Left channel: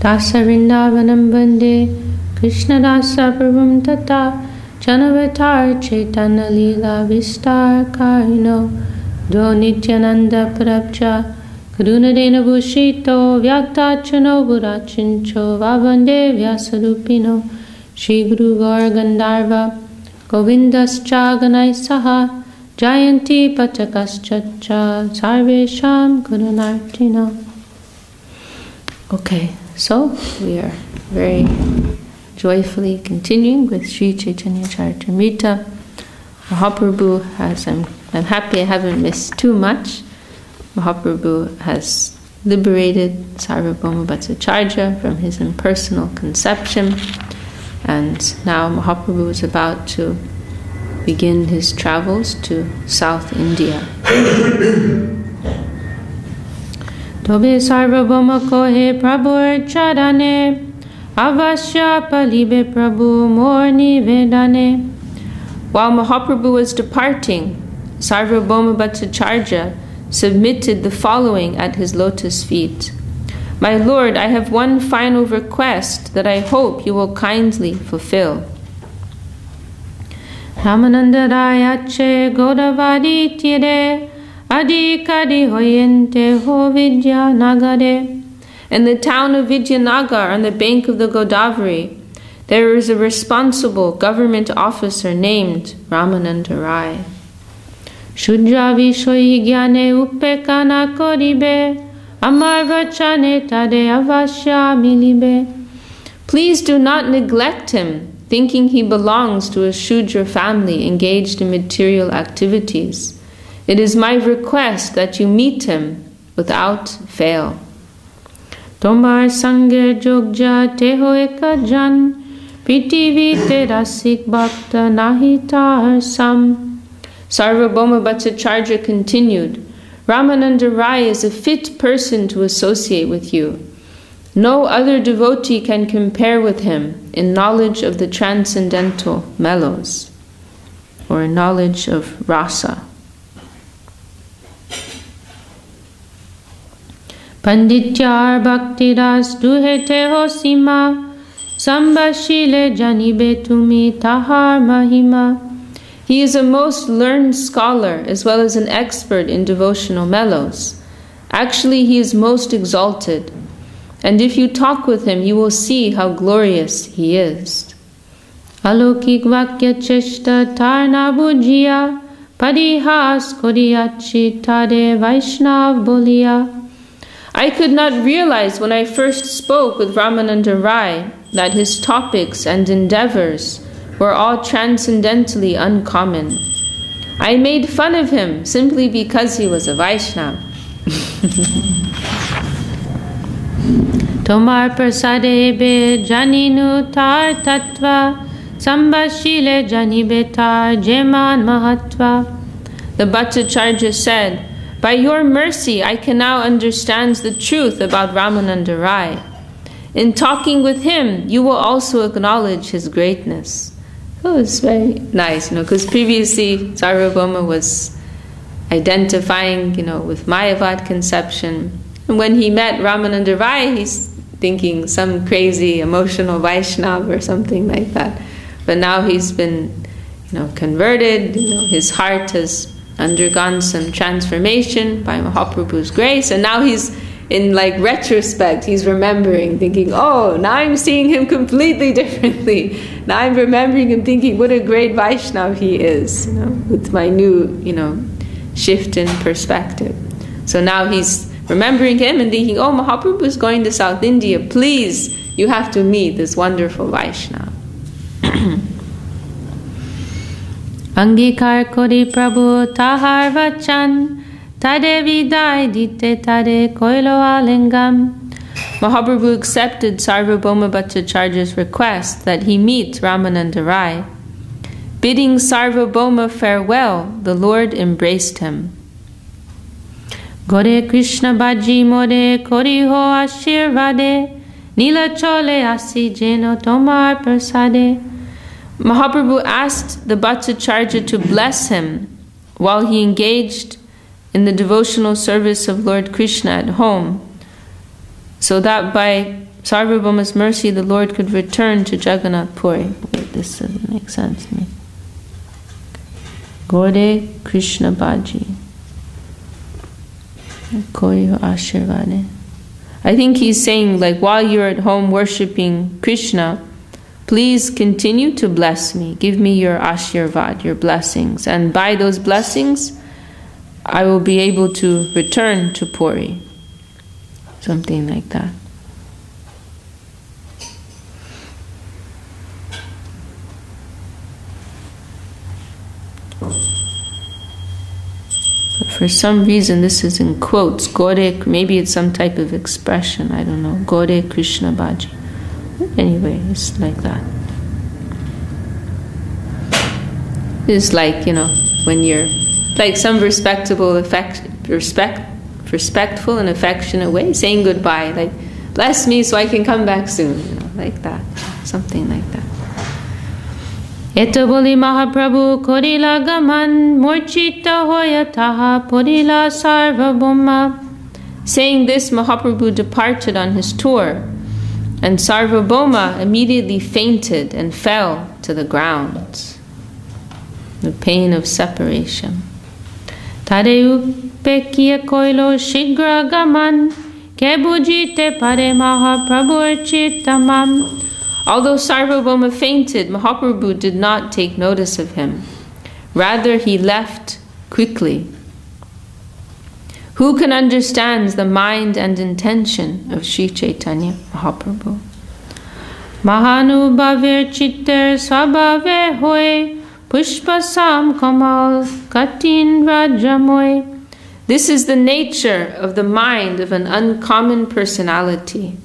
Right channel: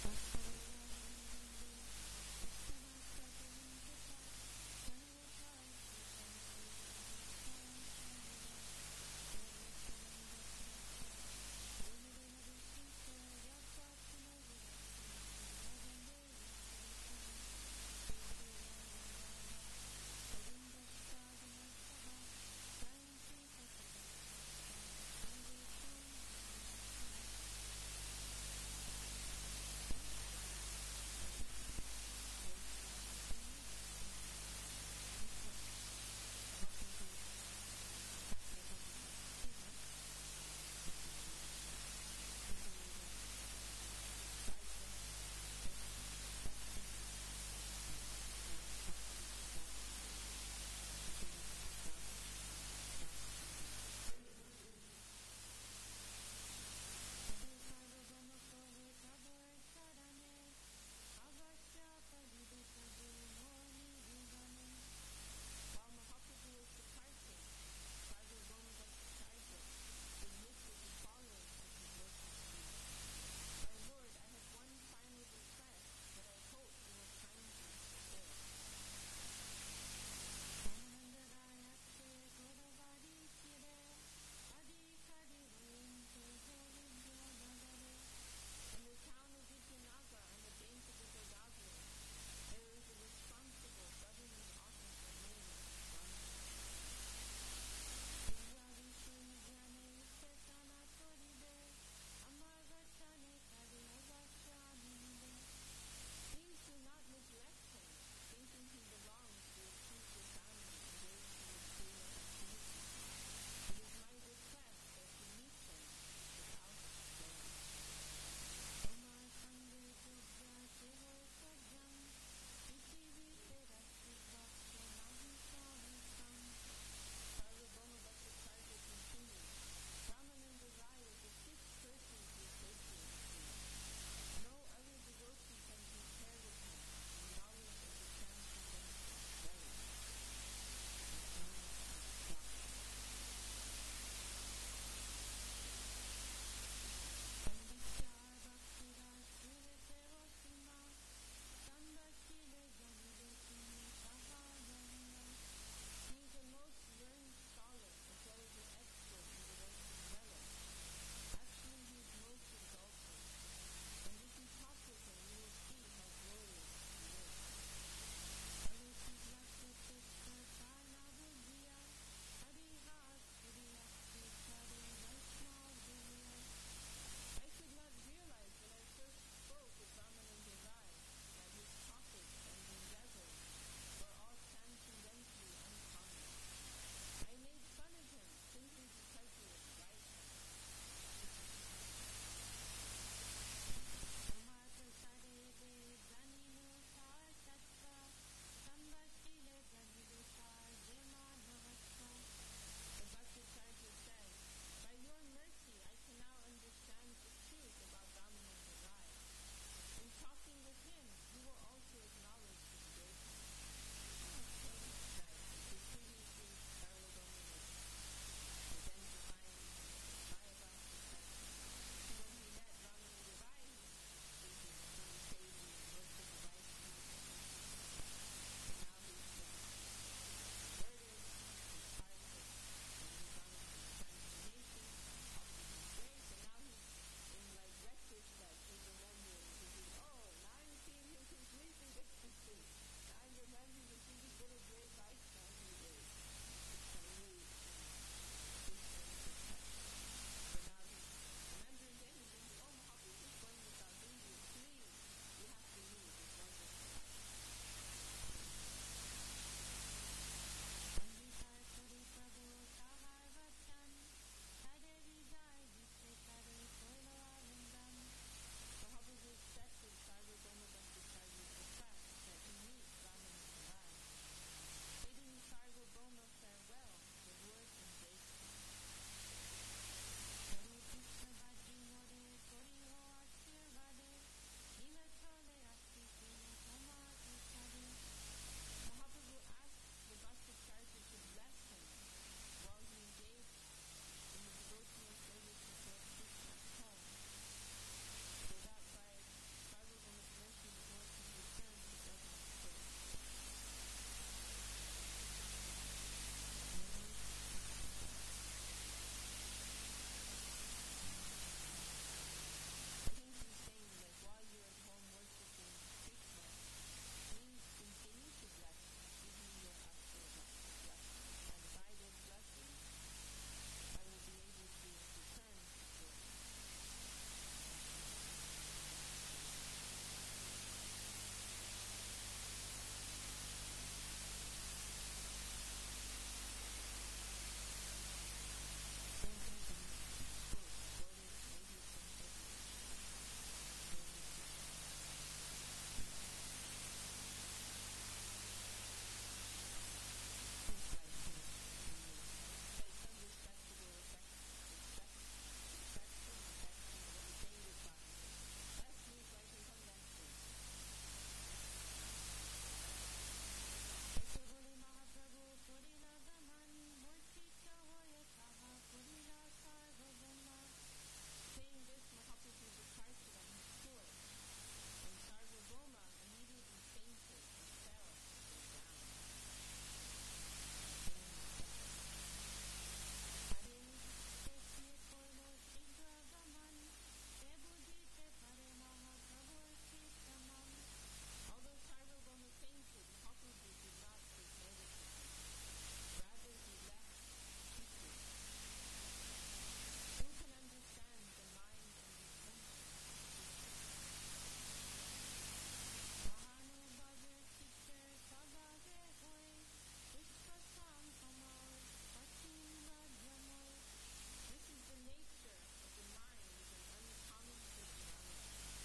Dasa Vrindavanam Bande Krishna Dasa Prabhum Tata Janavatar Chaitanya Leela Vistar Karino Do Nityananda Prabja Karunadena Bhushito Vyaktachano Burachincho Vavande Vyasadupino Shri Guru Gaur Gandharva Govindascha Ganaisaha Jayanti Patakas Ch.Ch Sarvesham Gurunartina. Okay, so we are very joyfully continuing with Sri Chaitanya Charitamrita. Mahaprabhu has, I'm happy I haven't missed too much. Mahaprabhu has liberated Sarvabhauma Bhattacharya from his impersonal conception, and now Mahaprabhu is about to begin his travels to South India. Tobe Sarvabhauma kohe Prabhur charane avasya palibe Prabhu mor nivedane. While Mahaprabhu was departing, Sarvabhauma Bhattacharya submitted the following at his lotus feet. My Lord, I have one final request that I hope you will kindly fulfill. Ramananda Rayache Godavadi Tire Adikadi Hoyente Ho Vidya Nagare. In the town of Vidyanagar on the bank of the Godavari, there is a responsible government officer named Ramananda Rai. Shudra Vishoyi Gyane Upekana Koribe Amar Vachane Tade Avasya Milibe. Please do not neglect him, thinking he belongs to a Shudra family engaged in material activities. It is my request that you meet him without fail. Tomar Sanger Jogja Teho Ekajan Pritivi Te Rasik Bhakta Nahitar Sam. Sarvabhauma Bhattacharya continued, Ramananda Rai is a fit person to associate with you. No other devotee can compare with him in knowledge of the transcendental mellows, or knowledge of rasa. Pandityar Bhakti Ras Duhete Hosima Sambashile Janibe Tumi Tahar Mahima. He is a most learned scholar as well as an expert in devotional mellows. Actually, he is most exalted, and if you talk with him, you will see how glorious he is. Alokik Vakya Cheshta Tarna Bujya Padihas Kodiyachi Tade Vaishnav Bolia. I could not realize when I first spoke with Ramananda Rai that his topics and endeavors were all transcendentally uncommon. I made fun of him simply because he was a Vaishnava. Tomar prasadebe janinu tar tattva sambashile janibetar jeman mahatva. The Bhattacharya said, by your mercy I can now understand the truth about Ramananda Rai. In talking with him, you will also acknowledge his greatness. Oh, it's very nice, because previously Sarvabhauma was identifying, with Mayavad conception. And when he met Ramananda Rai, he's thinking some crazy emotional Vaishnava or something like that. But now he's been, converted, his heart has undergone some transformation by Mahaprabhu's grace, and now he's, in retrospect, he's remembering, thinking, oh, now I'm seeing him completely differently. Now I'm remembering him thinking, what a great Vaishnava he is, with my new, shift in perspective. So now he's remembering him and thinking, oh, Mahaprabhu is going to South India. Please, you have to meet this wonderful Vaishnava. Angikar kori Prabhu tahar vachan tade vidai dite tade koilo alingam. Mahaprabhu accepted Sarvabhauma Bhattacharya's request that he meet Ramananda Rai. Bidding Sarvabhauma farewell, the Lord embraced him. Gore Krishna Bhaji More Kori Ho Ashirvade Nila chole asi jeno tomar prasade. Mahaprabhu asked the Bhattacharya to bless him while he engaged in the devotional service of Lord Krishna at home, so that by Sarvabhauma's mercy the Lord could return to Jagannath Puri. Wait, this doesn't make sense to me. Gode Krishna Bhaji. Koyo Ashirvade. I think he's saying, like, while you're at home worshipping Krishna, please continue to bless me. Give me your Ashirvad, your blessings. And by those blessings, I will be able to return to Puri. Something like that. But for some reason, this is in quotes. Gode, maybe it's some type of expression. I don't know. Gode Krishna Bhaji. Anyway, it's like that. It's like, when you're like some respectful and affectionate way, saying goodbye, like, bless me so I can come back soon, like that, something like that. Eto boli Mahaprabhu korila gaman murchita hoya taha porila Sarvabhauma. Saying this, Mahaprabhu departed on his tour, and Sarvabhauma immediately fainted and fell to the ground. The pain of separation. Tareu pekia koilo shigra gaman kebujite pare Mahaprabhu chitamam. Although Sarvabhauma fainted, Mahaprabhu did not take notice of him. Rather, he left quickly. Who can understand the mind and intention of Sri Chaitanya Mahaprabhu? Mahanubhavir chitter swabhave hoy pushpasam kamal katin rajamoy. This is the nature of the mind of an uncommon personality.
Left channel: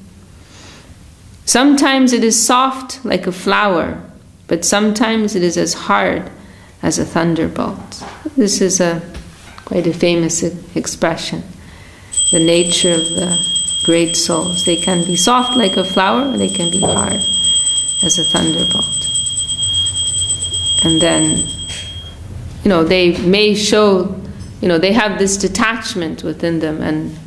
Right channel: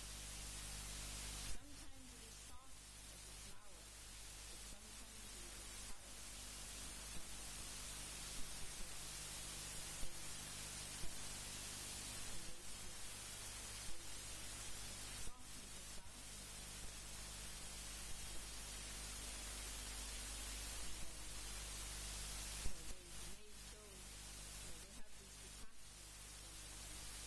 Sometimes it is soft like a flower, but sometimes it is as hard as a thunderbolt. This is quite a famous expression. The nature of the great souls. They can be soft like a flower, or they can be hard as a thunderbolt. And then, they may show, they have this detachment within them, and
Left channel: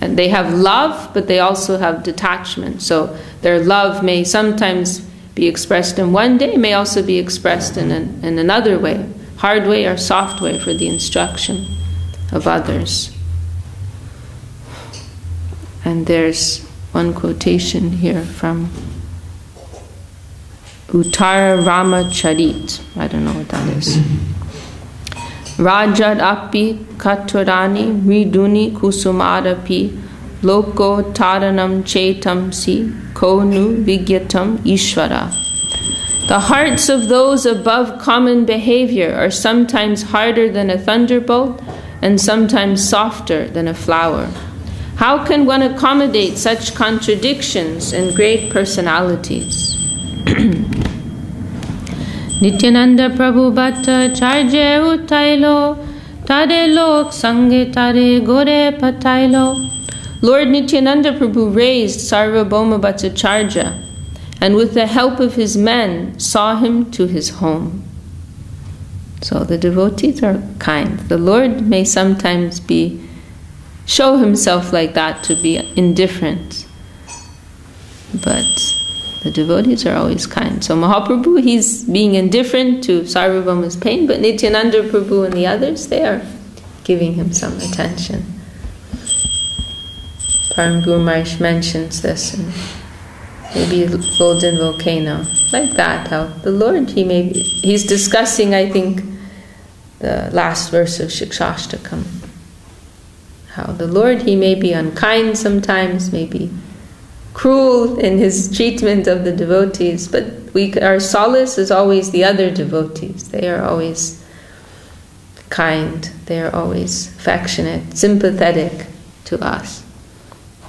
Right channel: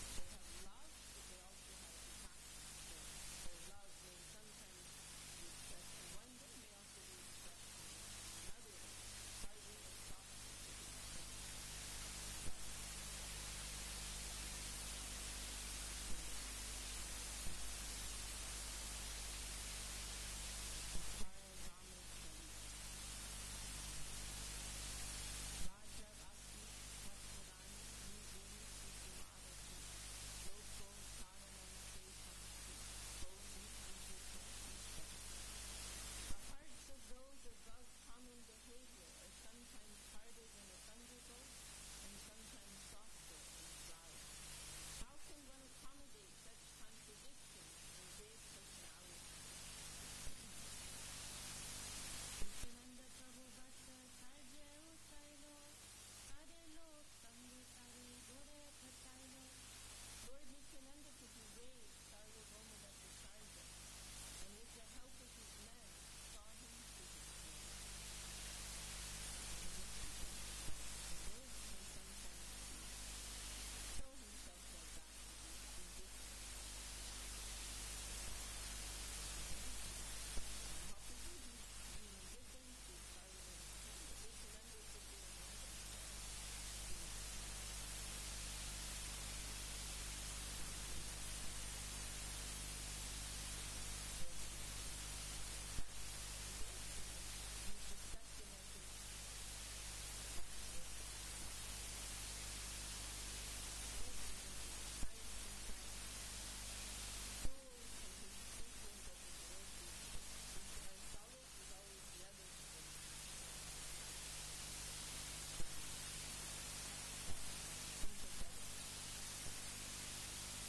they have love, but they also have detachment. So their love may sometimes be expressed in one day, may also be expressed in another way, hard way or soft way for the instruction of others. And there's one quotation here from Uttara Rama Charit. I don't know what that is. Rajad api katurani mriduni kusumadapi loko taranam chetam si konu vigyatam ishvara. The hearts of those above common behavior are sometimes harder than a thunderbolt and sometimes softer than a flower. How can one accommodate such contradictions in great personalities? Nityananda Prabhu Bhattacharya utailo tare lok sange tare gore patailo. Lord Nityananda Prabhu raised Sarvabhauma Bhattacharya, and with the help of his men saw him to his home. So the devotees are kind. The Lord may sometimes show himself like that, to be indifferent, but the devotees are always kind. So Mahaprabhu, he's being indifferent to Sarvabhauma's pain, but Nityananda Prabhu and the others, they are giving him some attention. Param Guru Maharaj mentions this in maybe Golden Volcano, like that, how the Lord, he's discussing, I think, the last verse of Shikshashtakam. How the Lord, he may be unkind sometimes, maybe cruel in his treatment of the devotees, but our solace is always the other devotees. They are always kind, they are always affectionate, sympathetic to us.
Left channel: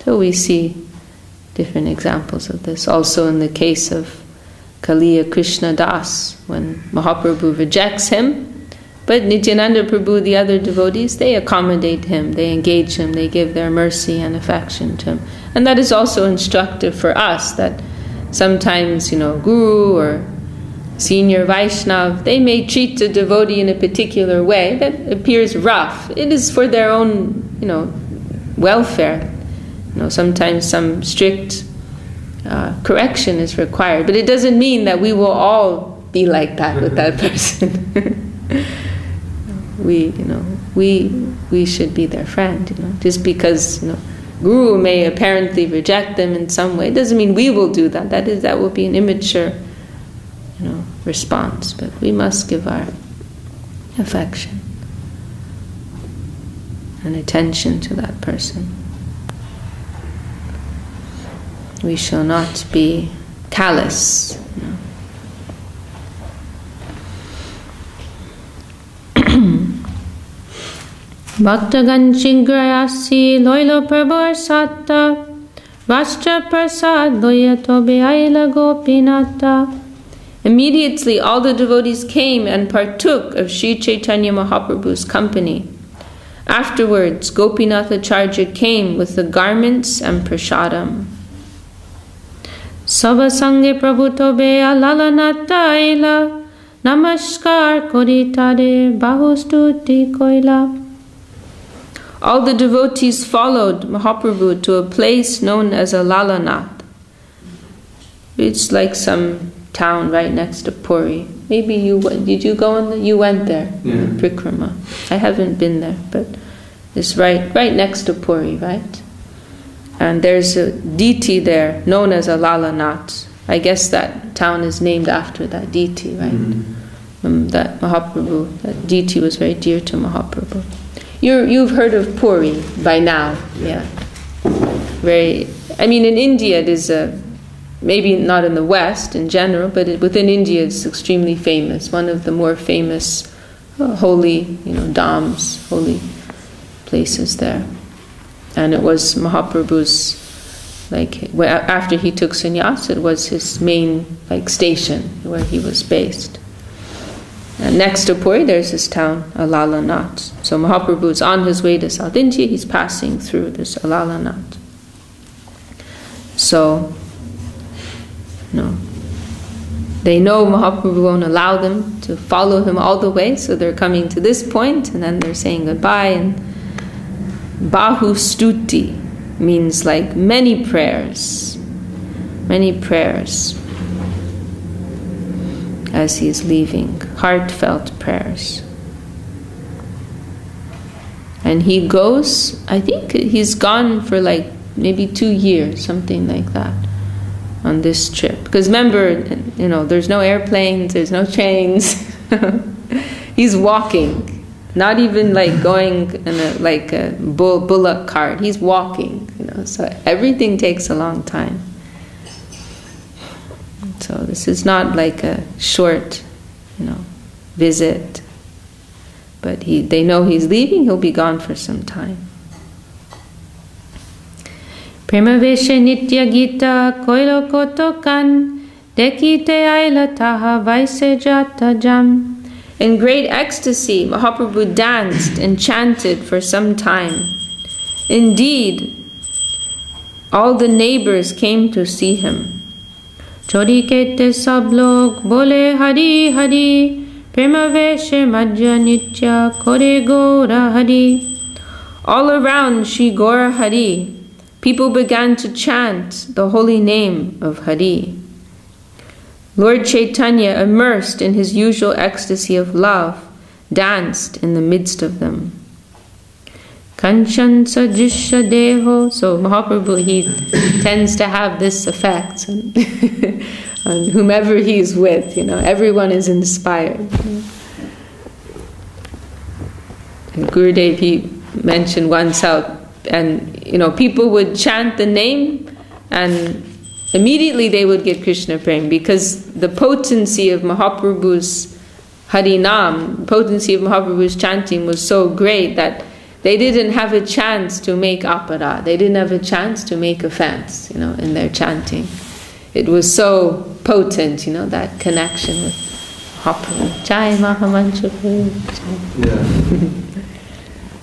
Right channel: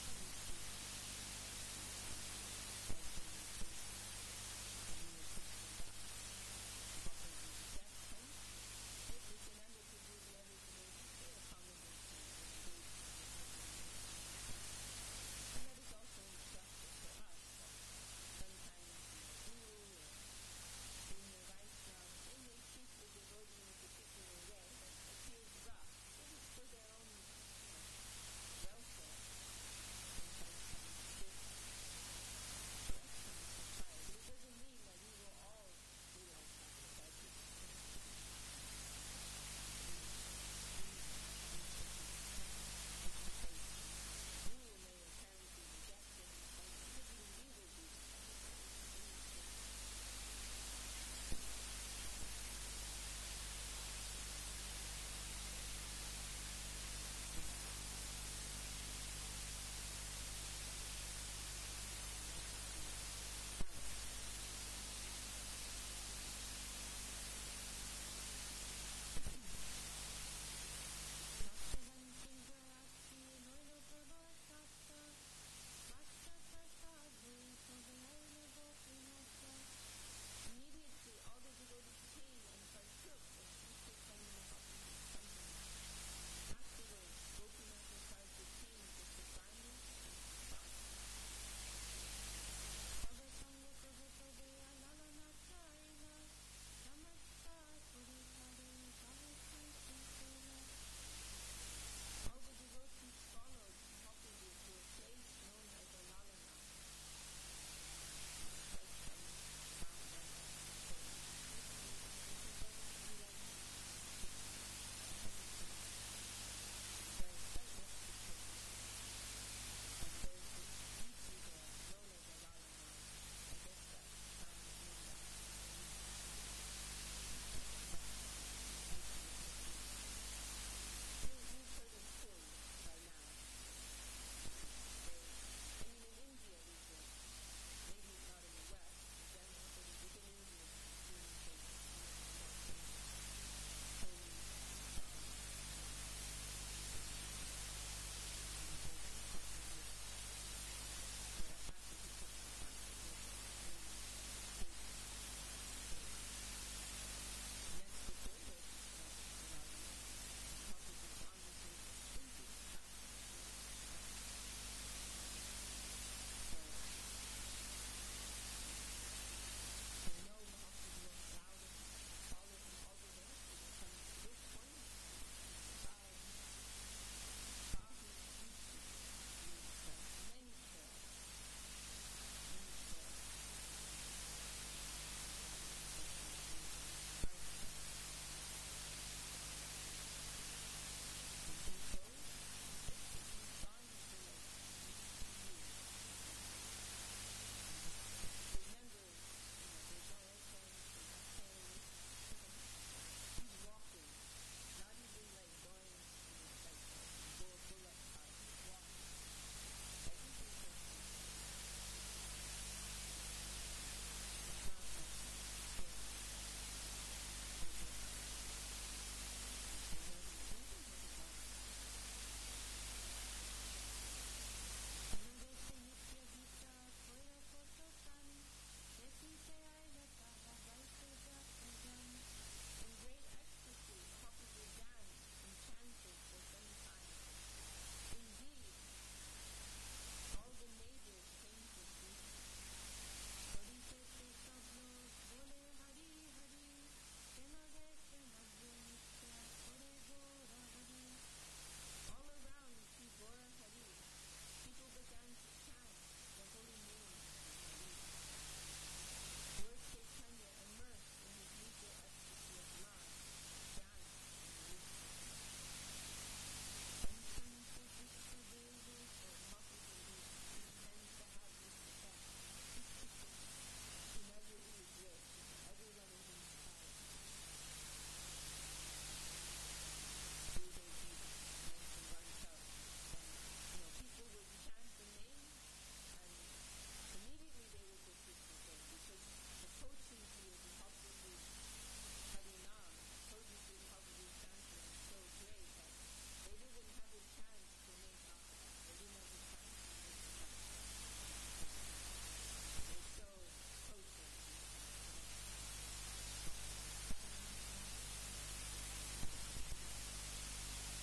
So we see different examples of this. Also in the case of Kaliya Krishna Das, when Mahaprabhu rejects him, but Nityananda Prabhu, the other devotees, they accommodate him, they engage him, they give their mercy and affection to him. And that is also instructive for us, that sometimes, Guru or senior Vaishnav, they may treat the devotee in a particular way that appears rough. It is for their own, welfare. Sometimes some strict correction is required, but it doesn't mean that we will all be like that with that person. We should be their friend. Just because Guru may apparently reject them in some way, doesn't mean we will do that. That will be an immature, response. But we must give our affection and attention to that person. We shall not be callous. Bhaktagan Chingrayasi Loilo Prabhur Satta Vastra Prasad Loyato Beaila Gopinata. Immediately all the devotees came and partook of Sri Chaitanya Mahaprabhu's company. Afterwards, Gopinath Acharya came with the garments and prasadam. Sabasange Prabhuto Bea Lalanata Aila Namaskar Koritade Bahustuti Koila. All the devotees followed Mahaprabhu to a place known as a Lalanath. It's like some town right next to Puri. Maybe did you go you went there? Yeah. Prikrama. I haven't been there, but it's right next to Puri, right? And there's a deity there known as a Lalanath. I guess that town is named after that deity, right? Mm-hmm. That Mahaprabhu, that deity was very dear to Mahaprabhu. You've heard of Puri by now, yeah. In India it is maybe not in the West in general, but within India it's extremely famous. One of the more famous holy, dhams, holy places there. And it was Mahaprabhu's, after he took sannyas, it was his main, station where he was based. And next to Puri, there's this town, Alalanath. So Mahaprabhu is on his way to South India, he's passing through this Alalanath. So, they know Mahaprabhu won't allow them to follow him all the way, so they're coming to this point, and then they're saying goodbye, and Bahustuti means many prayers as he is leaving, heartfelt prayers. And he goes, I think he's gone for maybe 2 years, something like that, on this trip. Because remember, there's no airplanes, there's no trains. He's walking. Not even going in a bullock cart. He's walking, so everything takes a long time. So this is not a short, visit. But they know he's leaving, he'll be gone for some time. Premaveshe nitya gita koilo kotokan dekite aila taha vaise jata jam. In great ecstasy, Mahaprabhu danced and chanted for some time. Indeed, all the neighbors came to see him. Chori kete sab log bole Hari Hari, Premaveshe Madhya Nitya Kore Gora Hari. All around Shri Gora Hari, people began to chant the holy name of Hari. Lord Chaitanya, immersed in his usual ecstasy of love, danced in the midst of them. Kanchan Sajisha Deho. So Mahaprabhu, he tends to have this effect on whomever he's with. Everyone is inspired. Gurudev, he mentioned once how, and people would chant the name, and immediately they would get Krishna Prem, because the potency of Mahaprabhu's Harinam, potency of Mahaprabhu's chanting was so great that they didn't have a chance to make apara. They didn't have a chance to make offense, in their chanting. It was so potent, that connection with Mahaprabhu. Jai Mahamantra.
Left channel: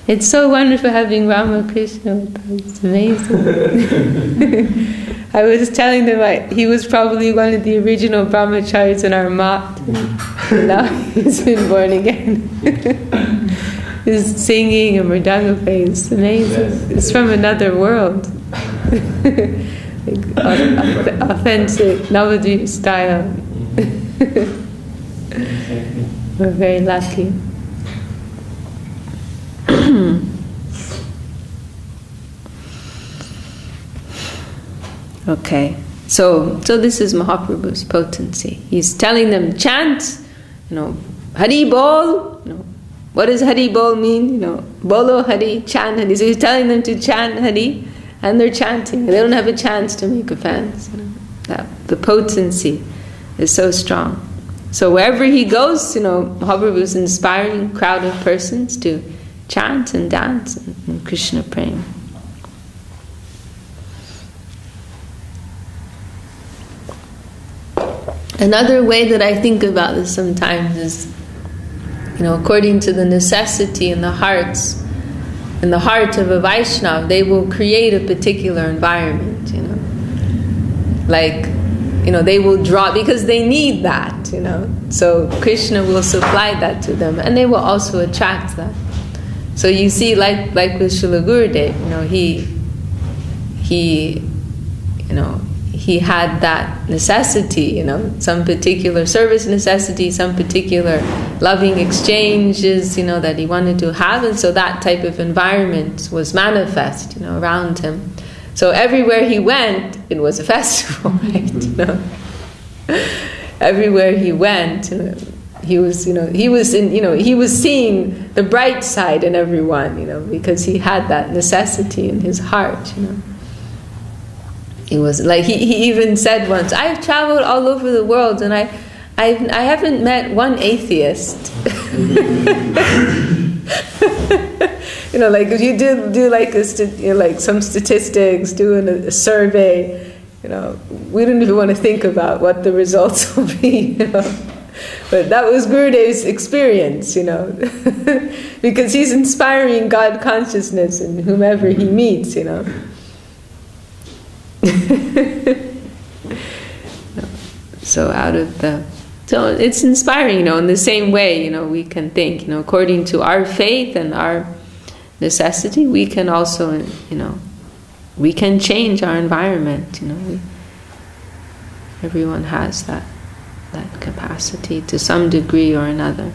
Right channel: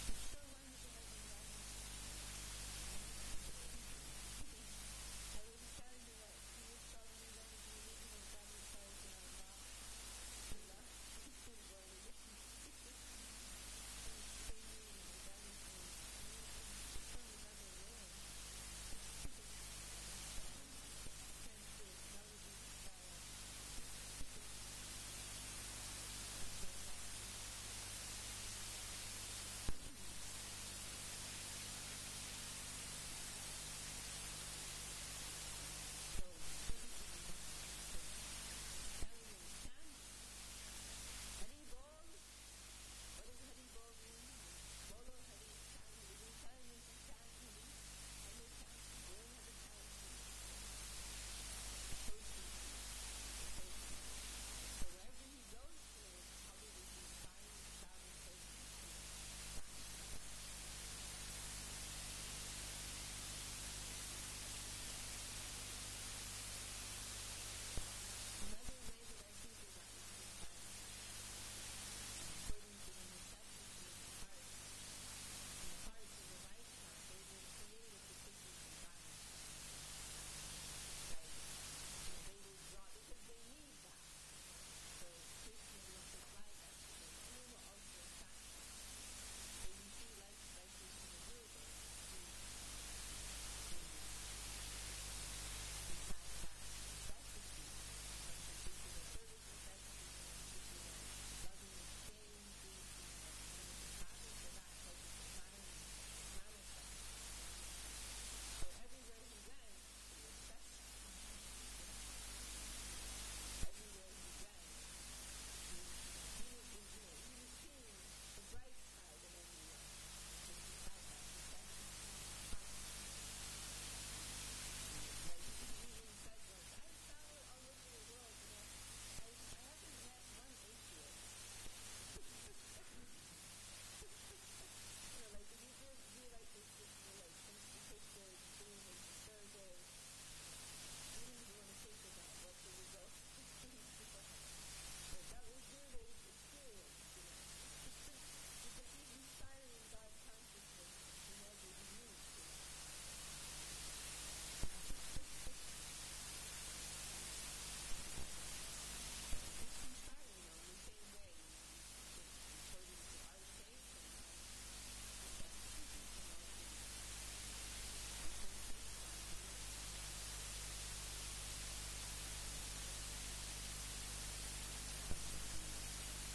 It's so wonderful having Ramakrishna with us. It's amazing. I was telling them he was probably one of the original brahmacharis in our mat. Now he's been born again. He's singing and mridanga playing. It's amazing. It's from another world. Authentic Navadvip style. We're very lucky. Okay, so this is Mahaprabhu's potency. He's telling them, chant, Hari Bol. What does Hari Bol mean? Bolo Hari, chant Hari. So he's telling them to chant Hari, and they're chanting. They don't have a chance to make offense. The potency is so strong. So wherever he goes, Mahaprabhu's inspiring a crowd of persons to chant and dance in Krishna prema. Another way that I think about this sometimes is, according to the necessity in the heart of a Vaishnava, they will create a particular environment, they will draw, because they need that, so Krishna will supply that to them, and they will also attract that. So you see, like with Srila Gurudev, he had that necessity, some particular service necessity, some particular loving exchanges, that he wanted to have, and so that type of environment was manifest, around him. So everywhere he went, it was a festival, right? Everywhere he went, he was seeing the bright side in everyone, because he had that necessity in his heart, It was like he even said once, "I've traveled all over the world and I haven't met one atheist." Like if you do like some statistics, doing a survey, we don't even want to think about what the results will be, But that was Gurudev's experience, because he's inspiring God consciousness in whomever he meets, So it's inspiring, in the same way, we can think, according to our faith and our necessity, we can also, we can change our environment, everyone has that capacity to some degree or another.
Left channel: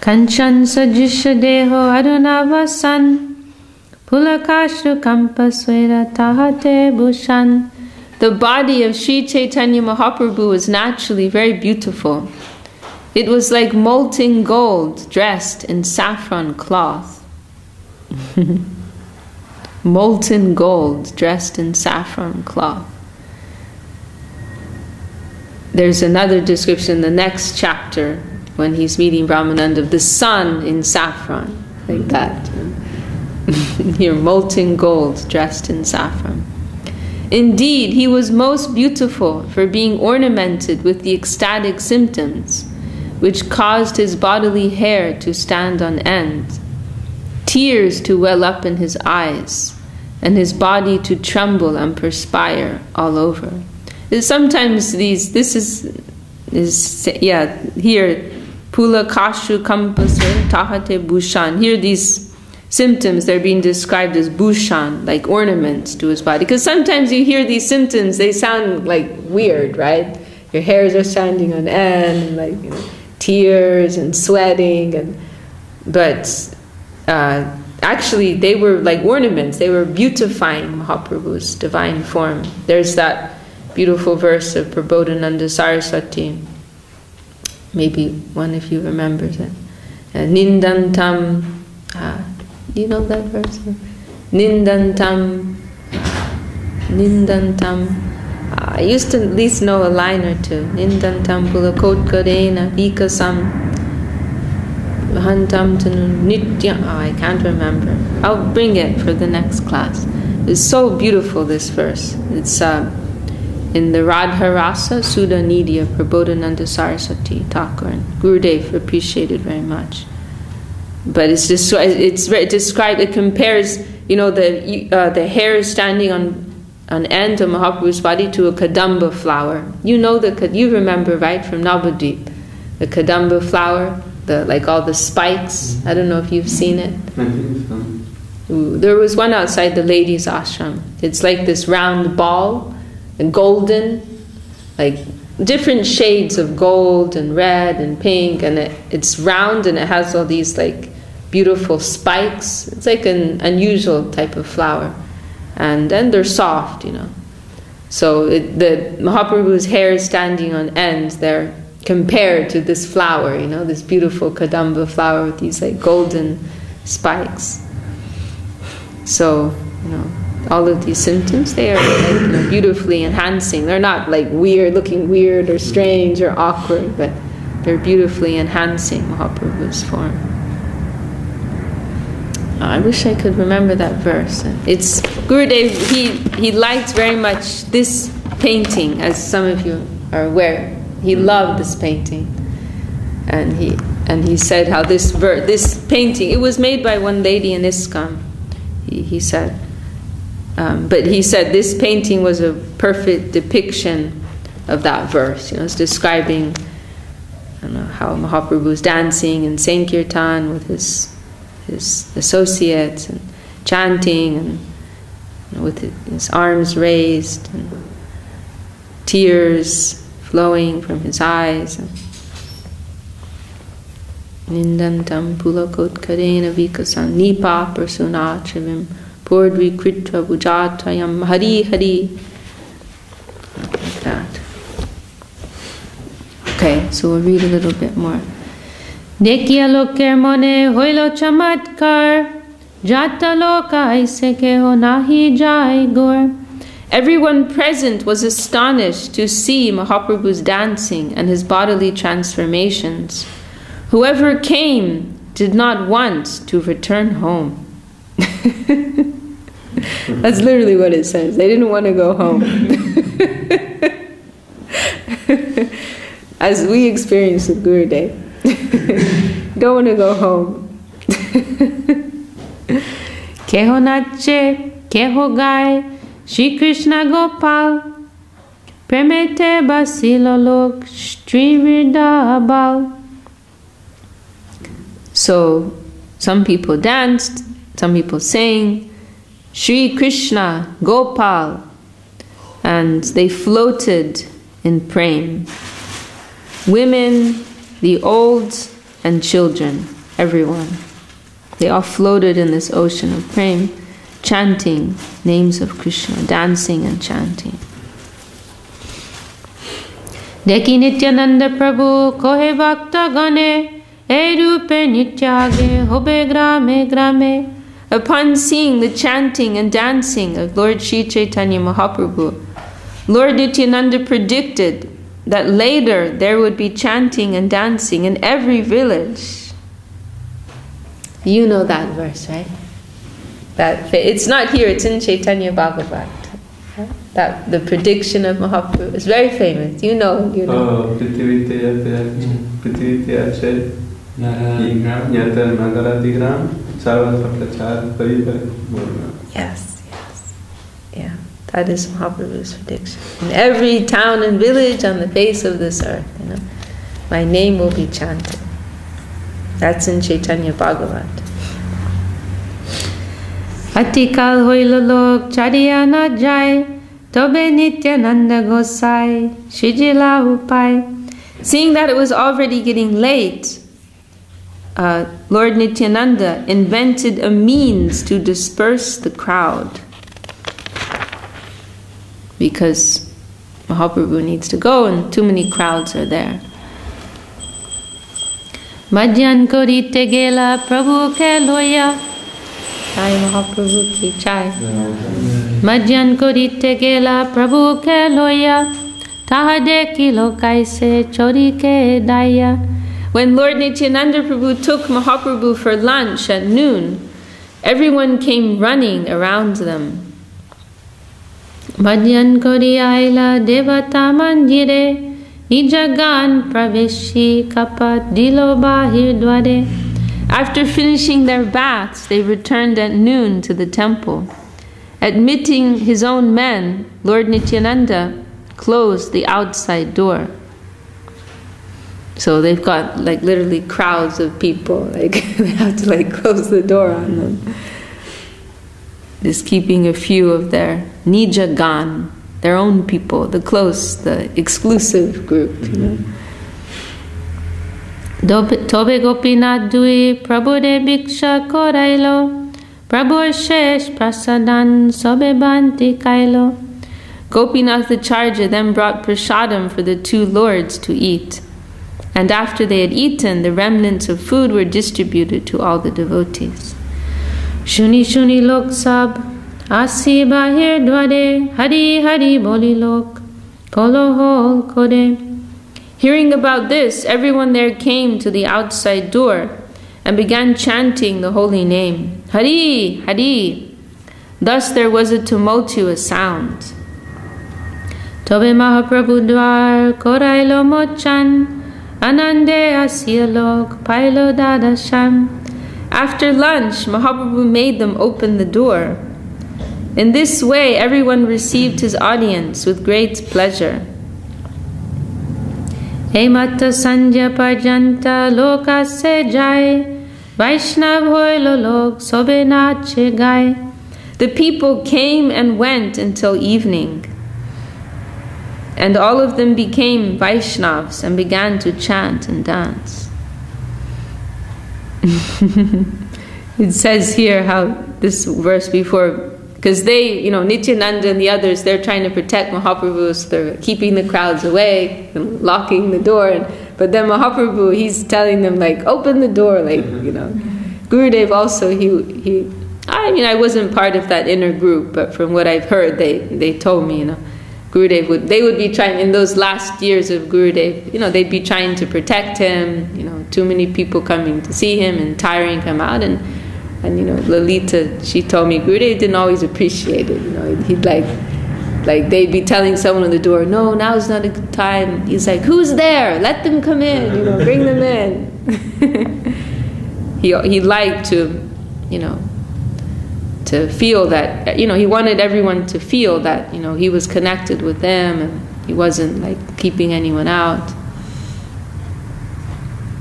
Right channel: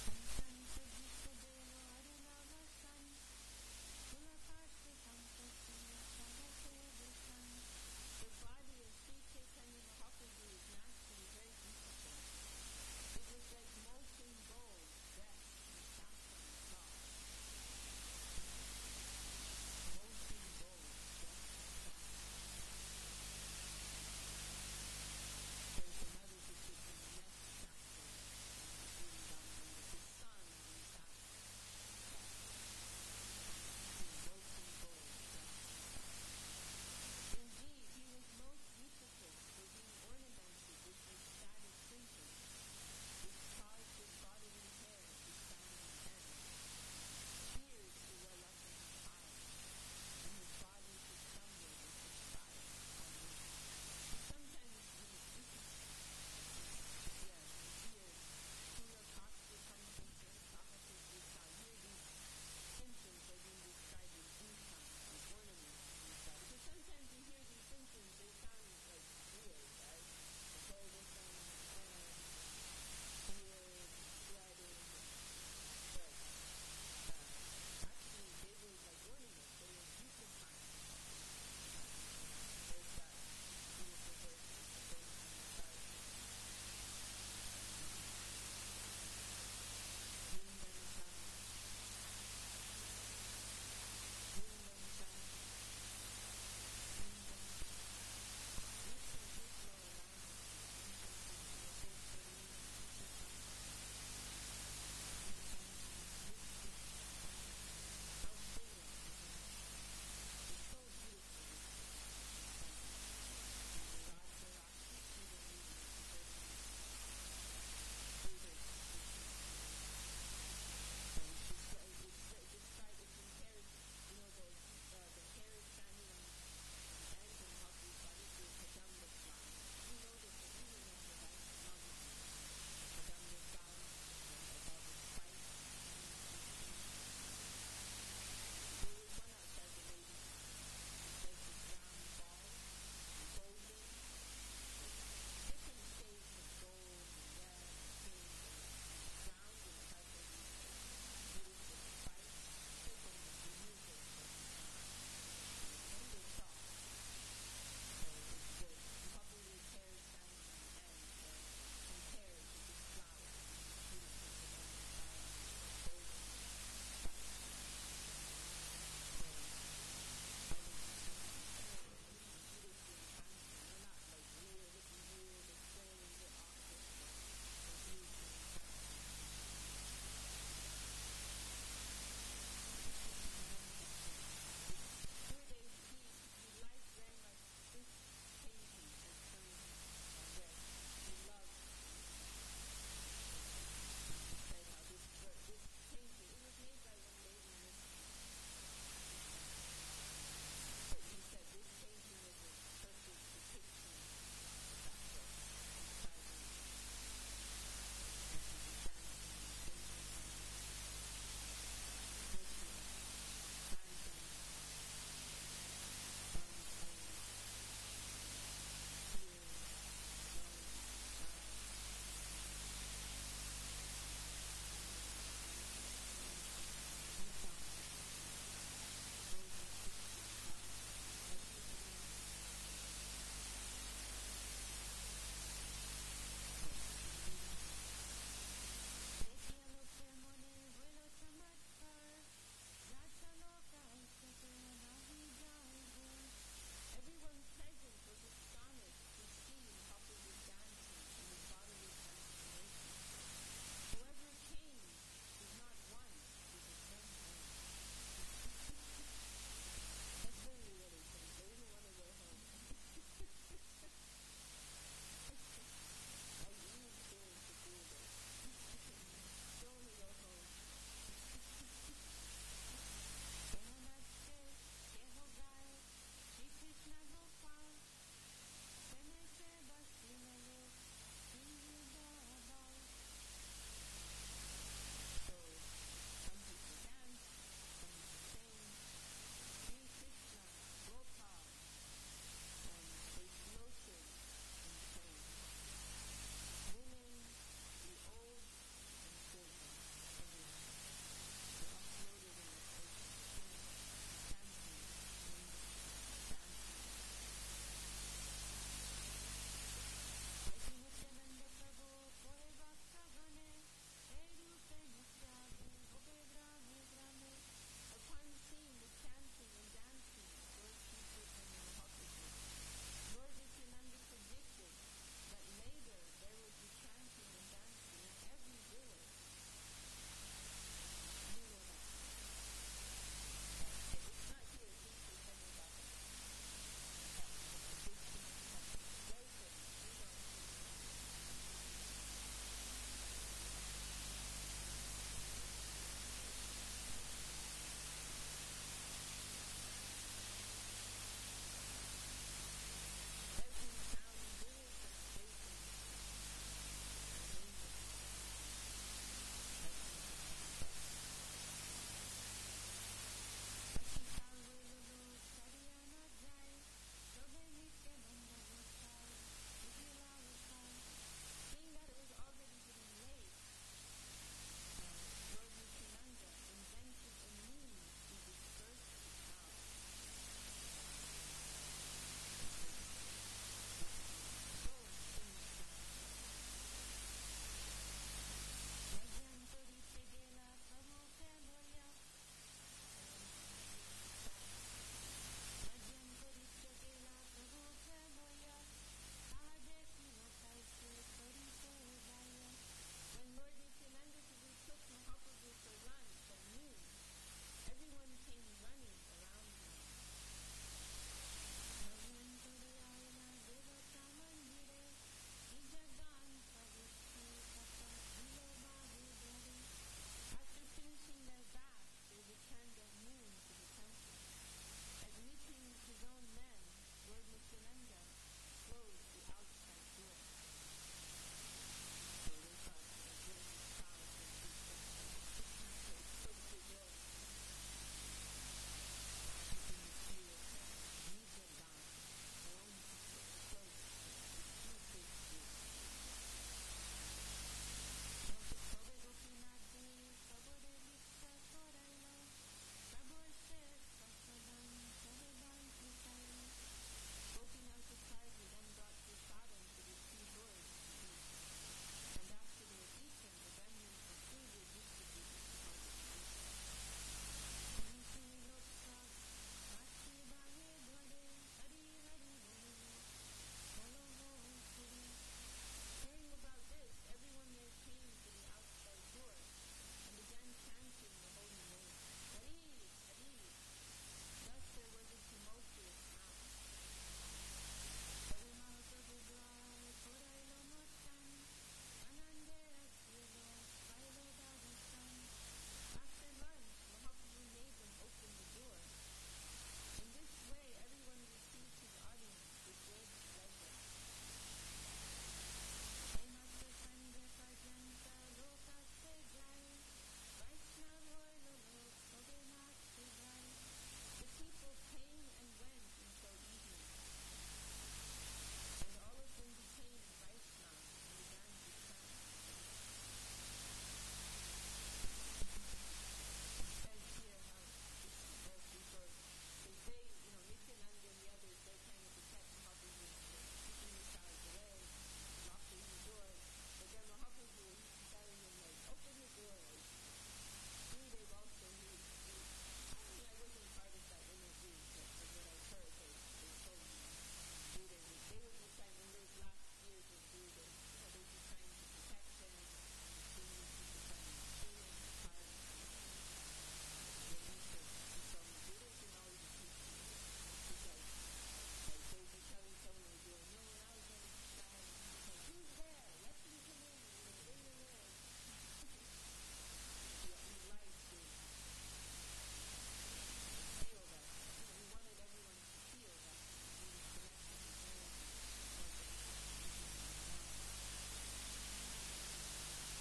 Kanchan sajisha deho arunavasan pulakashru kampasvera tahate bhushan. The body of Sri Chaitanya Mahaprabhu was naturally very beautiful. It was like molten gold dressed in saffron cloth. Molten gold dressed in saffron cloth. There's another description in the next chapter when he's meeting Brahmananda of the sun in saffron, like that. Here, molten gold dressed in saffron. Indeed, he was most beautiful for being ornamented with the ecstatic symptoms, which caused his bodily hair to stand on end, tears to well up in his eyes, and his body to tremble and perspire all over. Sometimes here, Pula Kashu Kampasve Tahate Bhushan. Here these symptoms, they're being described as bhushan, like ornaments to his body. Because sometimes you hear these symptoms, they sound like weird, right? Your hairs are standing on end, and tears and sweating, but actually they were like ornaments. They were beautifying Mahaprabhu's divine form. There's that beautiful verse of Prabodhananda Saraswati. Maybe one of you remembers it. Nindantam. Do you know that verse? Nindantam. I used to at least know a line or two. Nindantam pulakotkarena vikasam hantam nitya. I can't remember. I'll bring it for the next class. It's so beautiful, this verse. It's in the Radharasa Sudha Nidya Prabodhananda Saraswati Thakur, and Gurudev appreciated very much. But it's described. It compares, the hair standing on end of Mahaprabhu's body to a kadamba flower. You remember, right, from Navadvip, the kadamba flower, all the spikes. I don't know if you've seen it. I think so. There was one outside the ladies' ashram. It's like this round ball, and golden, like different shades of gold and red and pink, and it's round and it has all these like beautiful spikes. It's like an unusual type of flower, and then they're soft, So the Mahaprabhu's hair is standing on end there, compared to this flower, this beautiful kadamba flower with these like golden spikes. So, all of these symptoms, they are like, beautifully enhancing. They're not like looking weird or strange or awkward, but they're beautifully enhancing Mahaprabhu's form. I wish I could remember that verse. It's Gurudev, he liked very much this painting, as some of you are aware. He loved this painting. And he said how this painting, it was made by one lady in ISKCON, he said. But he said this painting was a perfect depiction of that verse. It's describing how Mahaprabhu was dancing in Sankirtan with his associates and chanting, and with his arms raised and tears flowing from his eyes. Nindantam pulakotkarena vikasan nipa prasunachavim purdvikritva bhujatvayam hari hari. Like that. Okay, so we'll read a little bit more. Dekya loker mone hoilo chamatkar jata loka aise keho nahi jai gor. Everyone present was astonished to see Mahaprabhu's dancing and his bodily transformations. Whoever came did not want to return home. That's literally what it says. They didn't want to go home. As we experienced with Gurudev. Don't want to go home. Keho nache, keho gai, Shri Krishna Gopal, Premete basilo lok, Shri Vridabal. So, some people danced, some people sang, Shri Krishna, Gopal, and they floated in prem. Women, the old, and children, everyone. They all floated in this ocean of prem, chanting names of Krishna, dancing and chanting. Deki Nityananda Prabhu kohe bhakta gane, e rupe nityage hobe grame grame. Upon seeing the chanting and dancing of Lord Sri Chaitanya Mahaprabhu, Lord Nityananda predicted that later there would be chanting and dancing in every village. You know that verse, right? It's not here, it's in Chaitanya Bhagavat. That the prediction of Mahaprabhu is very famous. You know. Oh, Yes. Yeah, that is Mahaprabhu's prediction. In every town and village on the face of this earth, my name will be chanted. That's in Chaitanya Bhagavat. Atikal hoilo lok chariya na jai, tobe Nityananda gosai, shijila upai. Seeing that it was already getting late, Lord Nityananda invented a means to disperse the crowd, because Mahaprabhu needs to go and too many crowds are there. Madhyan korite gela Prabhu ke loya. Jai Mahaprabhu ki jai. Madhyan korite gela Prabhu ke loya. Tahade kilo kaise chori ke daya. When Lord Nityananda Prabhu took Mahaprabhu for lunch at noon, everyone came running around them. Bhajan kori aila devata mandire, nijagan praveshi kapat dilo bahir dware. After finishing their baths, they returned at noon to the temple. Admitting his own men, Lord Nityananda closed the outside door. So they've got like literally crowds of people, like they have to like close the door on them. Just keeping a few of their nijagan, their own people, the close, the exclusive group, you know. Tobe gopinath dui prabhude bhiksha korailo, prabhu shesh prasadan sobe banti kailo. Gopinath the Charja then brought prasadam for the two lords to eat. And after they had eaten, the remnants of food were distributed to all the devotees. Shuni shuni lok sab, asi bahir dware, hari hari boli lok, kolo hol kode. Hearing about this, everyone there came to the outside door and began chanting the holy name, Hari, Hari. Thus there was a tumultuous sound. Tobe Mahaprabhu dwar korailo mochan, anande asiyalok pailo dadasham. After lunch, Mahaprabhu made them open the door. In this way, everyone received his audience with great pleasure. Hemata sanja parjanta loka se jai, Vaishnav hoilo lok sobe nache gai. The people came and went until evening, and all of them became Vaishnavs and began to chant and dance. It says here how this verse before, because they, you know, Nityananda and the others, they're trying to protect Mahaprabhu, so they're keeping the crowds away and locking the door. But then Mahaprabhu, he's telling them, like, open the door, like, you know. Gurudev also, I mean, I wasn't part of that inner group, but from what I've heard, they told me, you know, Gurudev they would be trying, in those last years of Gurudev, you know, they'd be trying to protect him, you know, too many people coming to see him and tiring him out, and you know, Lalita, she told me Gurudev didn't always appreciate it, you know, he'd like they'd be telling someone at the door, no, now's not a good time. He's like, who's there? Let them come in, you know, bring them in. He liked to, you know, to feel that, you know, he wanted everyone to feel that, you know, he was connected with them and he wasn't like keeping anyone out.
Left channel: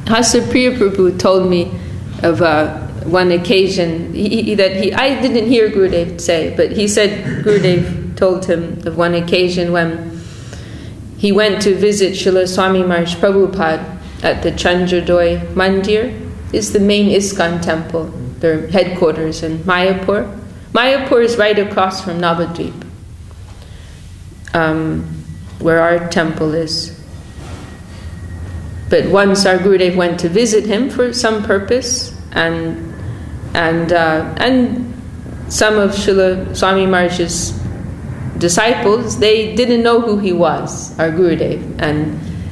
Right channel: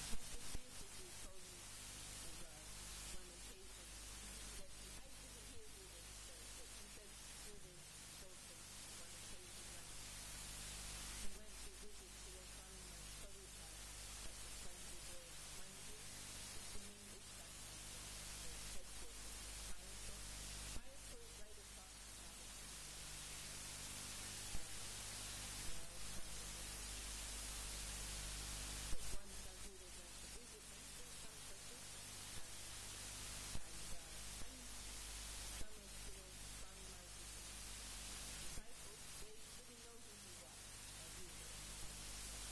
Hasapriya Prabhu told me of one occasion I didn't hear Gurudev say, but he said Gurudev told him of one occasion when he went to visit Srila Swami Maharaj Prabhupada at the Chandrodaya Mandir. It's the main ISKCON temple, their headquarters in Mayapur. Mayapur is right across from Navadvip, where our temple is. But once our Gurudev went to visit him for some purpose, and some of Srila Swami Maharaj's disciples, they didn't know who he was, our Gurudev,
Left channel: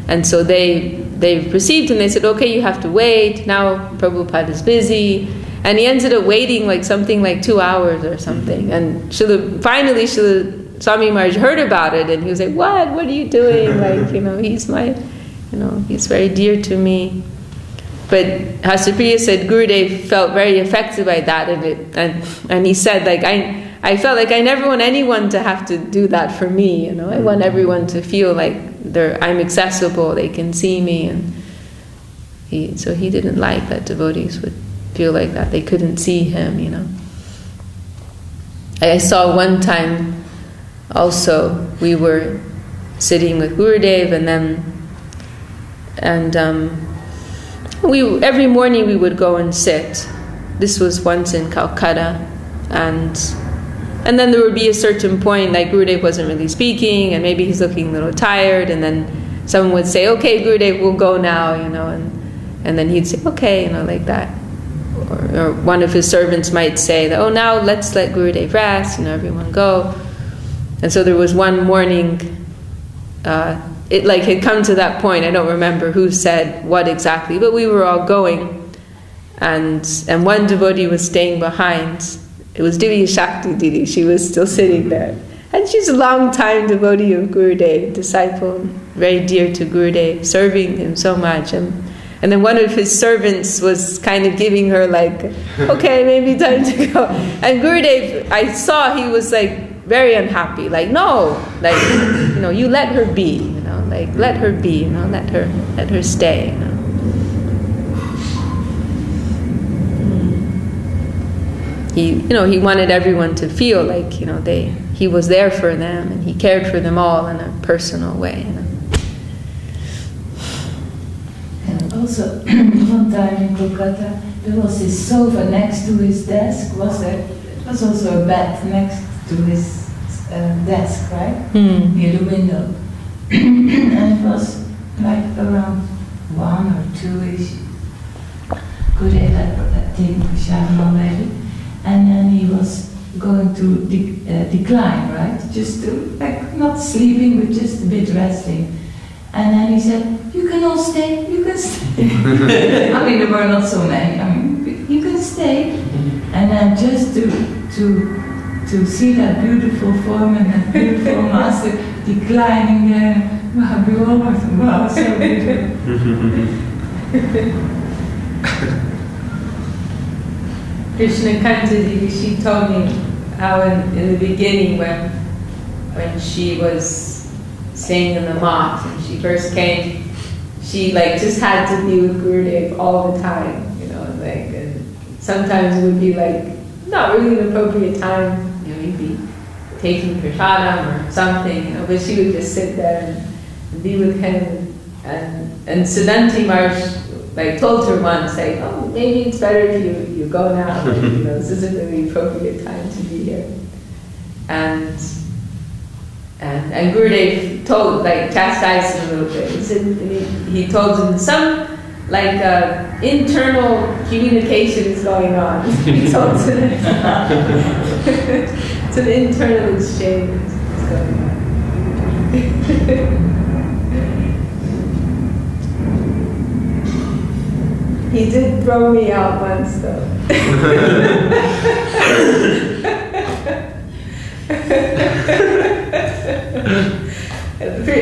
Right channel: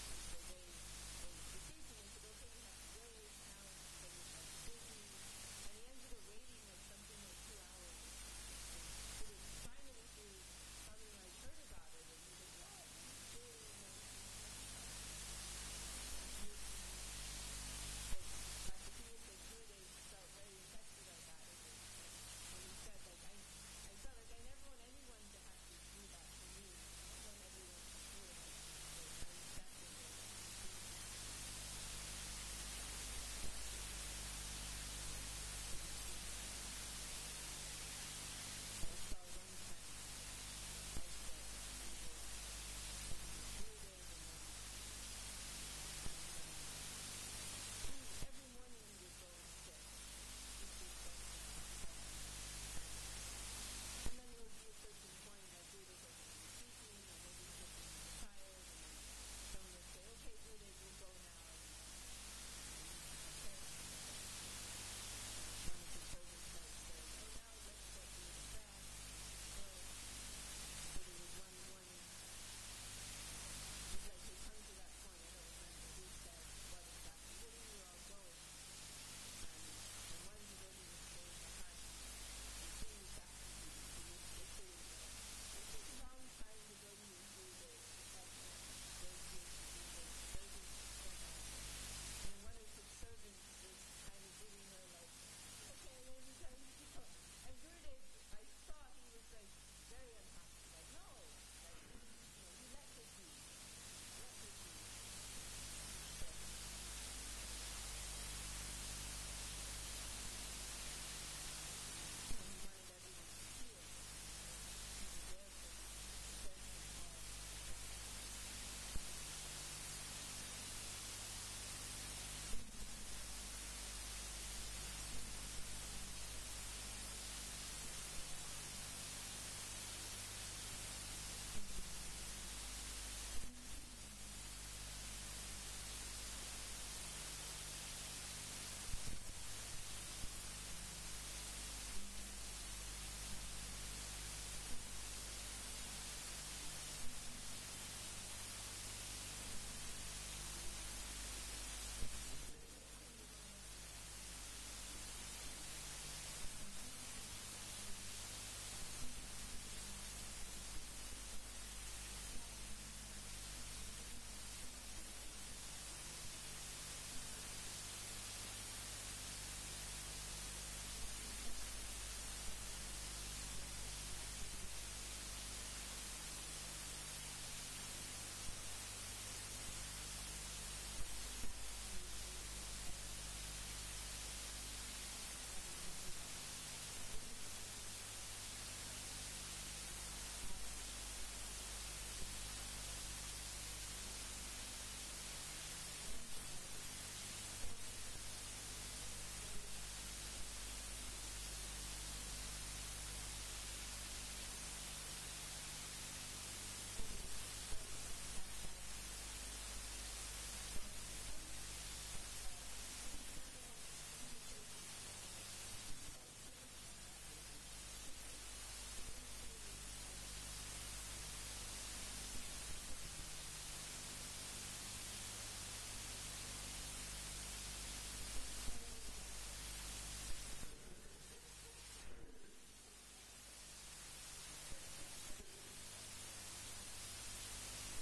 and so they received him. They said, okay, you have to wait, now Prabhupada is busy, and he ended up waiting like something like 2 hours or something, and finally Srila Swami Maharaj heard about it, and he was like, what are you doing? Like, you know, he's very dear to me. But Hasapriya said Gurudev felt very affected by that, and he said, like, I felt like I never want anyone to have to do that for me, you know. I want everyone to feel like I'm accessible, they can see me, and so he didn't like that devotees would feel like that, they couldn't see him, you know. I saw one time also, we were sitting with Gurudev, every morning we would go and sit. This was once in Calcutta, and then there would be a certain point, like Gurudev wasn't really speaking, and maybe he's looking a little tired, and then someone would say, okay, Gurudev, we'll go now, you know, and then he'd say, okay, you know, like that. Or one of his servants might say, that, oh, now let's let Gurudev rest, you know, everyone go. And so there was one morning, it like had come to that point, I don't remember who said what exactly, but we were all going, and one devotee was staying behind. It was Divya Shakti Didi, she was still sitting there. And she's a long-time devotee of Gurudev, disciple, very dear to Gurudev, serving him so much. And then one of his servants was kind of giving her like, okay, maybe time to go. And Gurudev, I saw he was like very unhappy. Like, no, like, you know, you let her be, you know, like let her be, you know, let her stay, you know. He wanted everyone to feel like, you know, he was there for them and he cared for them all in a personal way. You know? And also, one time in Kolkata, there was this sofa next to his desk. It was also a bed next to his desk, right? Near the window. And it was like around 1 or 2-ish. Gurudev had taken Vishakha already. And then he was going to decline, right? Just to, like, not sleeping, but just a bit resting. And then he said, you can all stay, you can stay. I mean, there were not so many. I mean, you can stay. And then just to see that beautiful form and that beautiful master declining there. Wow, so beautiful. Krishna Kantaji, she told me how in the beginning when she was staying in the mott and she first came, she like just had to be with Gurudev all the time, you know, like, and sometimes it would be like not really an appropriate time, you know, he'd be taking prasadam or something, you know, but she would just sit there and be with him. And Siddhanti Maharaj like told her once, like, oh, maybe it's better if you go now. Like, you know, this isn't really appropriate time to be here. And Gurudev told, like, chastised him a little bit. He said, he told him some like internal communication is going on. He told him it's an internal exchange is going on. He did throw me out once, though.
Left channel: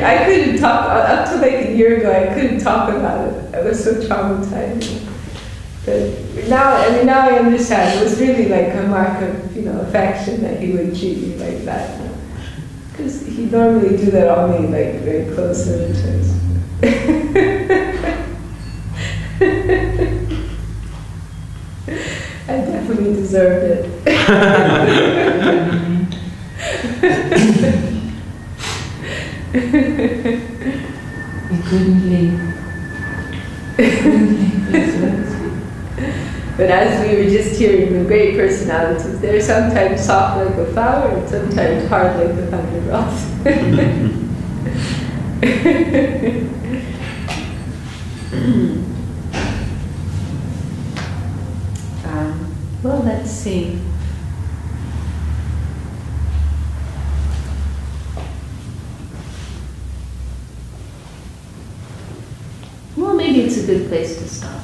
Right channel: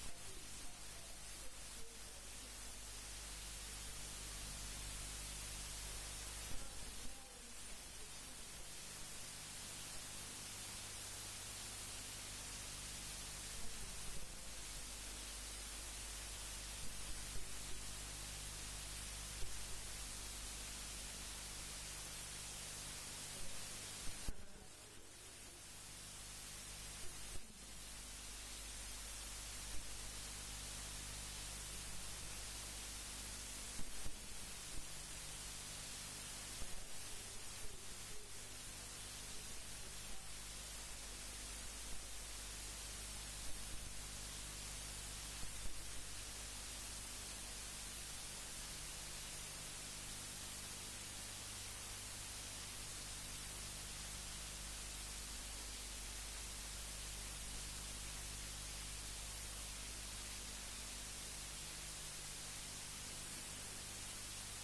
I couldn't talk, up to like a year ago, I couldn't talk about it. I was so traumatized. But now I understand. It was really like a mark of, you know, affection that he would treat me like that. Because he normally do that only like very close relatives. I definitely deserved it. We couldn't leave. But as we were just hearing the great personalities, they're sometimes soft like a flower and sometimes hard like the thunder rock. Well, let's see. Well, maybe it's a good place to stop.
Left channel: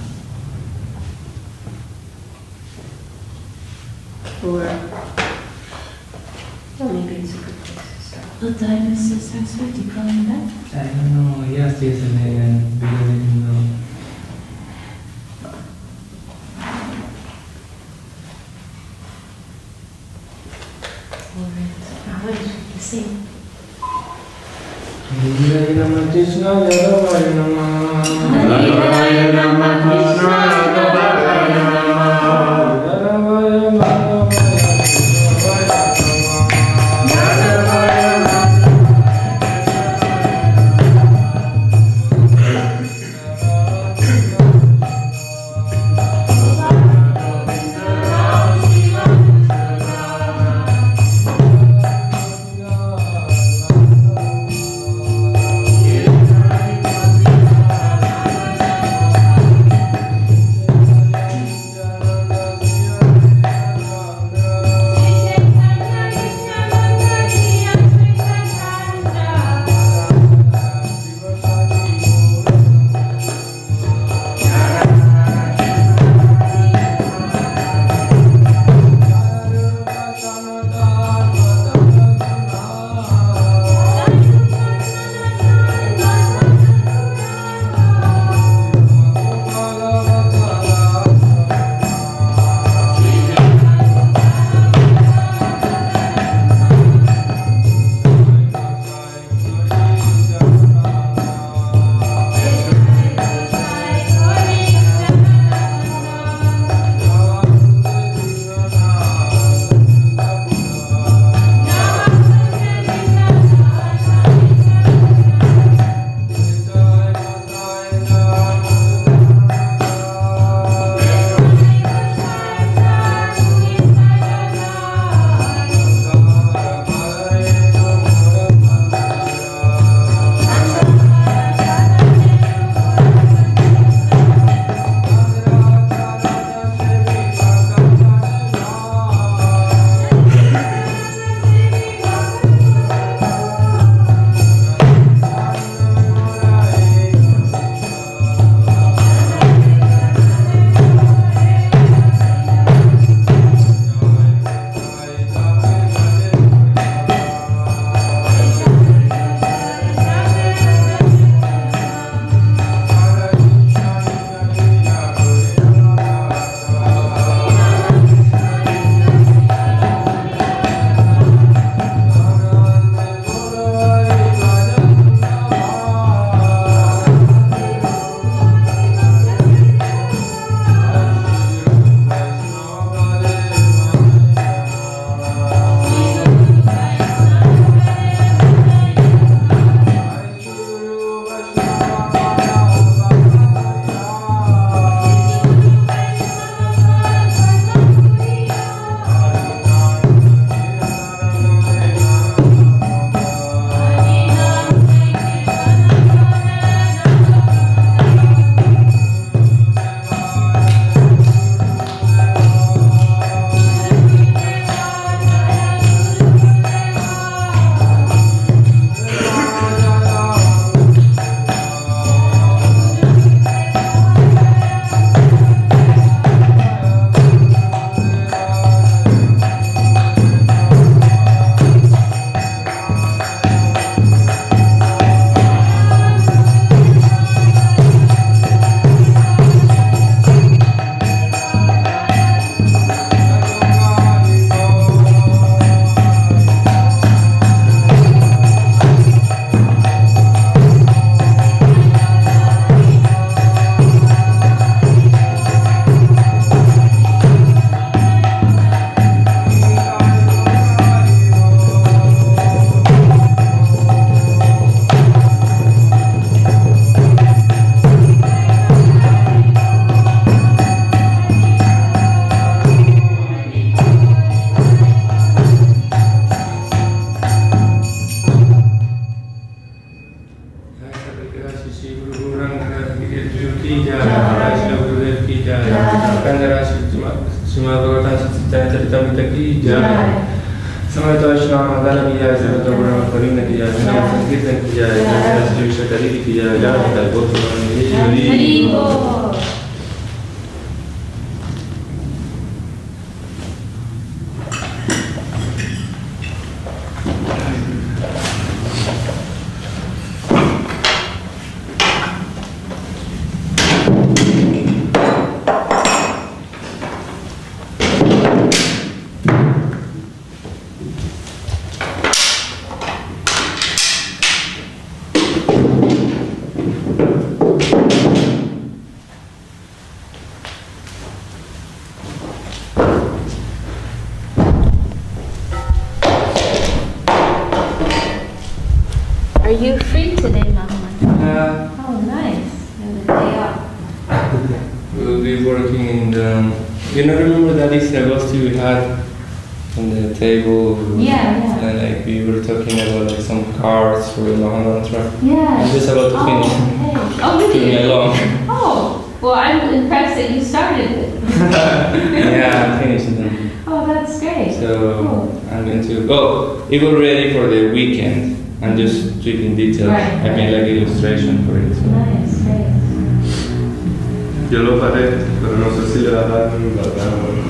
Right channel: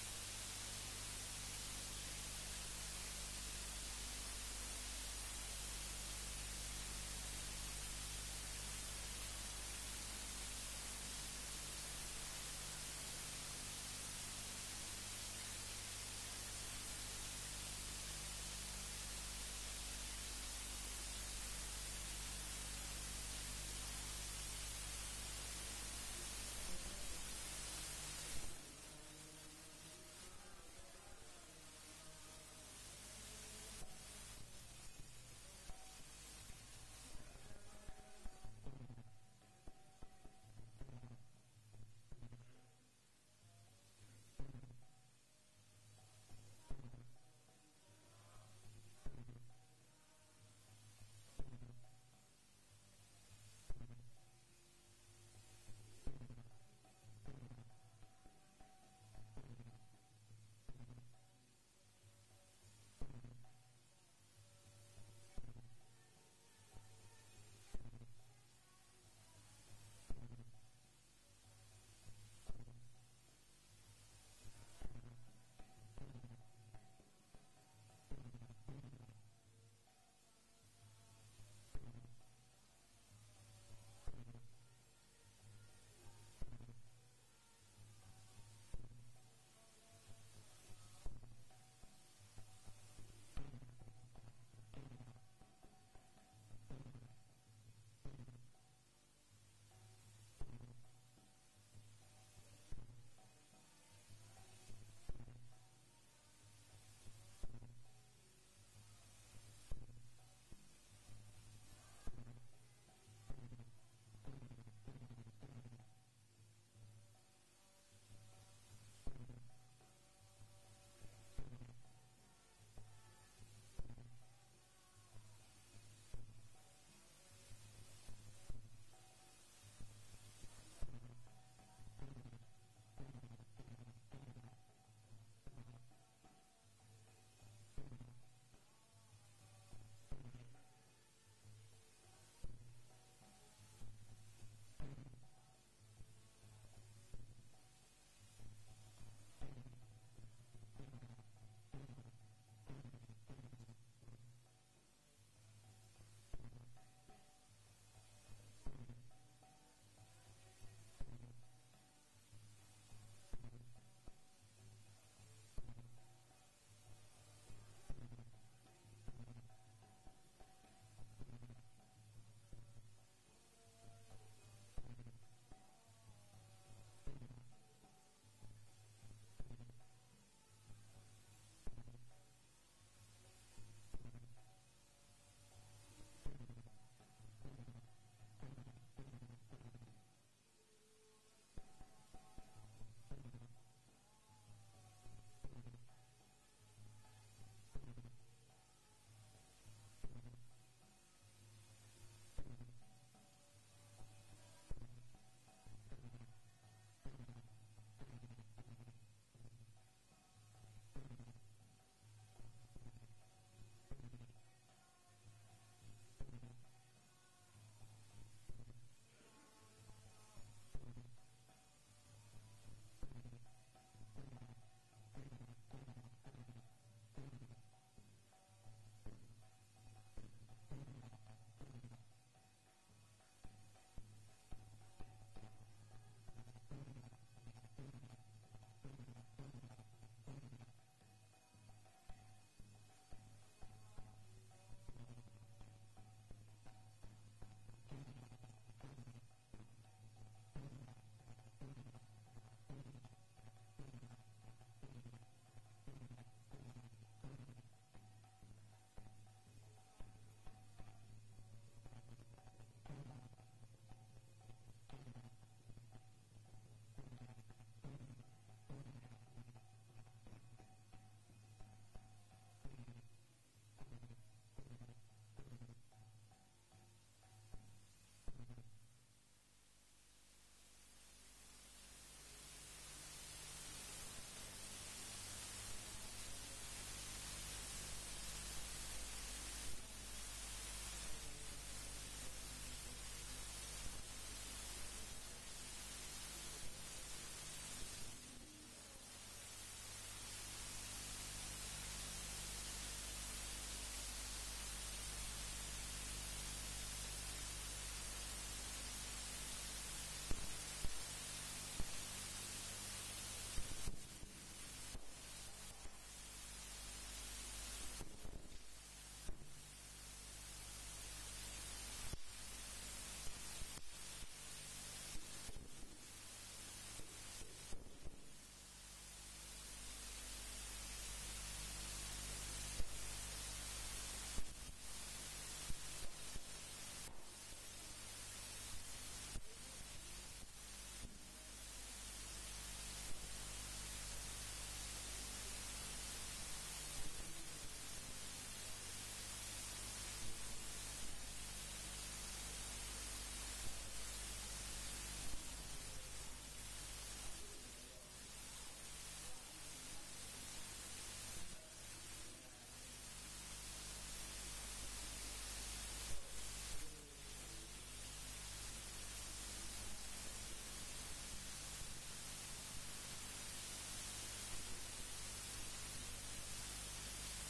Or, well, maybe it's a good place to stop. What time is the Saraswati coming back? I don't know. Yes, yesterday and we didn't know. What did you sing? Hari Jai. Samahita Vishakha Devidasi, Jagabhara Karina ki Jai, Sankirtan ki Jai, Vishakha Devidasi ki Jai, Jai Bhakti Hari Bol. Are you free today, Mama? Oh, nice. And the day off. We'll be working in the... You know, remember that Agosti we had on the table? Yeah. And like we were talking about like some cards for the Mahamantra. Yeah. I'm just about to finish. Okay. Oh, really? Took me along. Oh, well, I'm impressed that you started it. Yeah, I'm finishing them. Oh, that's great. So Cool. I'm going to... Oh, it was ready for the weekend. I'm just tweaking details. Right. I made like illustration for it. So. Nice, great. Yo lo faré, pero no sé si le darán la gana.